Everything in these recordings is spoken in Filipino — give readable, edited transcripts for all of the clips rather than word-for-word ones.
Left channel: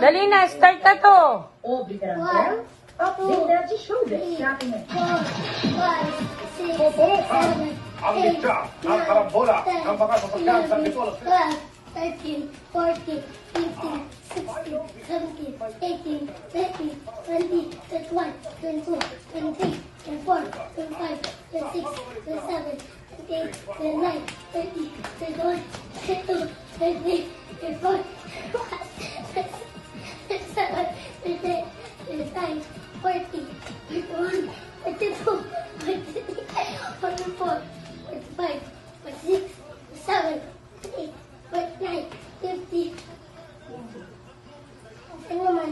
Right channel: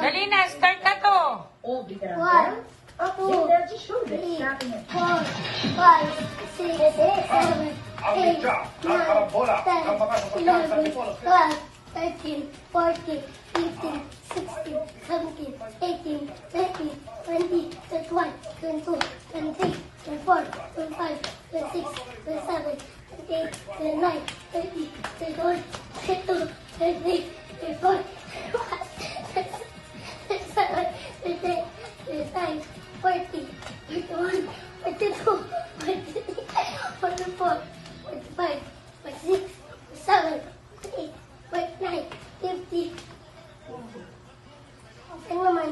Dali na, start na to. One, two, three, 4, 5, 6, 7, 8, 9, 10, 11, 12, 13, 14, 15, 16, 17, 18, 19, 20, 21, 22, 23, 24, 25, 26, 27, 28, 29, 30, 31, 32, 33, 34, 37, 38, 39, 40, 41, 42, 43, 44, 45, 46, 47, 48, 49, 50. Okay naman.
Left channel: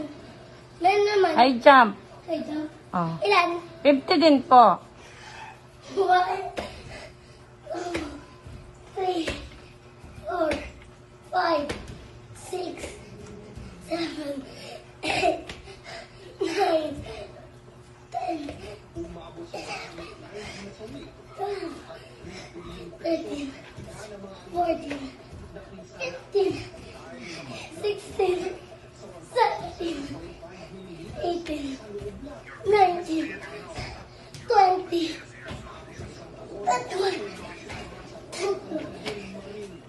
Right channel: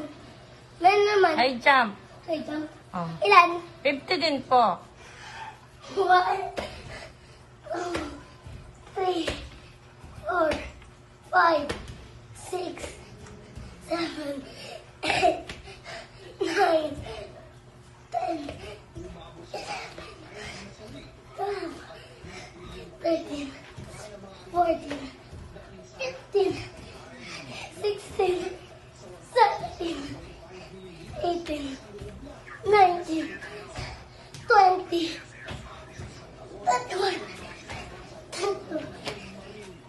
Ilan naman? High jump. Okay, jump. Oh. Ilan? 50 din po. 1, 2, 3, 4, 5, 6, 7, 8, 9, 10, 11, 13, 14, 15, 16, 17, 18, 19, 20, 21, 22,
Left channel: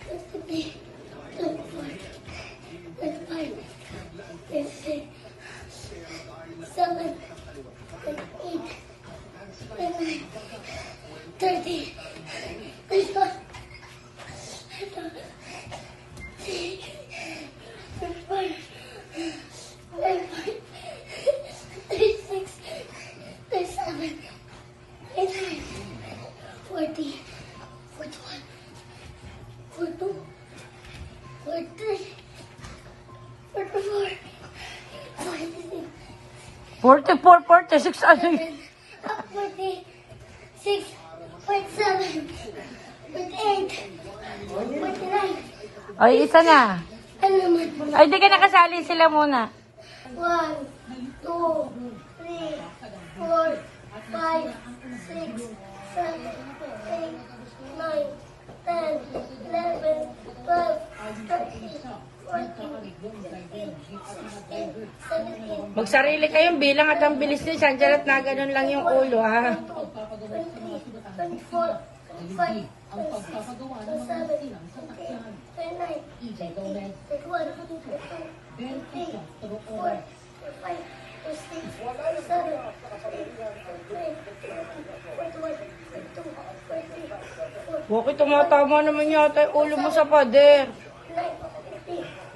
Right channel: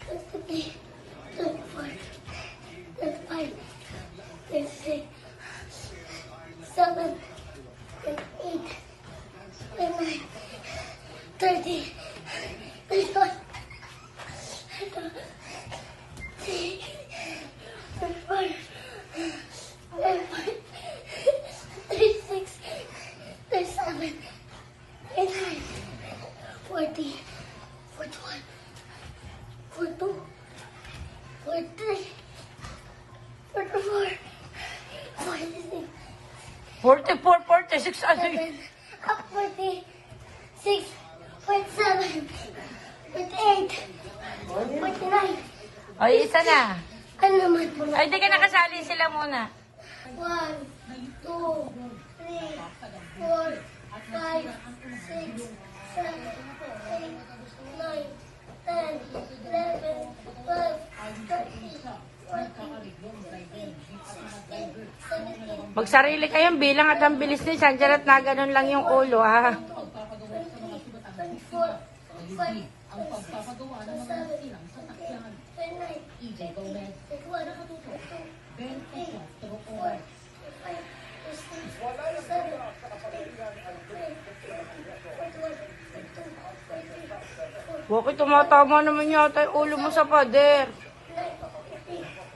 23, 24, 25, 26, 7, 8, 9, 30, 31, 36, 37, 39, 40, 41, 42, 43, 44, 46, 44, 46, ano? 46, 47, 48, 49. Ay, isa na. Ano naman? Ay, di ka nakasali sila muna. 1, 2, 3, 4, 5, 6, 7, 8, 9, 10, 11, 12, 13, 14, 15, 16, 17, Magsarili kayong bilang at ang bilis niyo. Sandiyan at na ganun lang yung ulo, ha? 23, 24, 25, 26, 27, 28, 29, 30, 31, 32, 33, 34, 35, 36, 37, 38, 39, 40, 41, 42, 43, 44, Bakit tumatama naman yata yung ulo mo sa pader? 49, 50.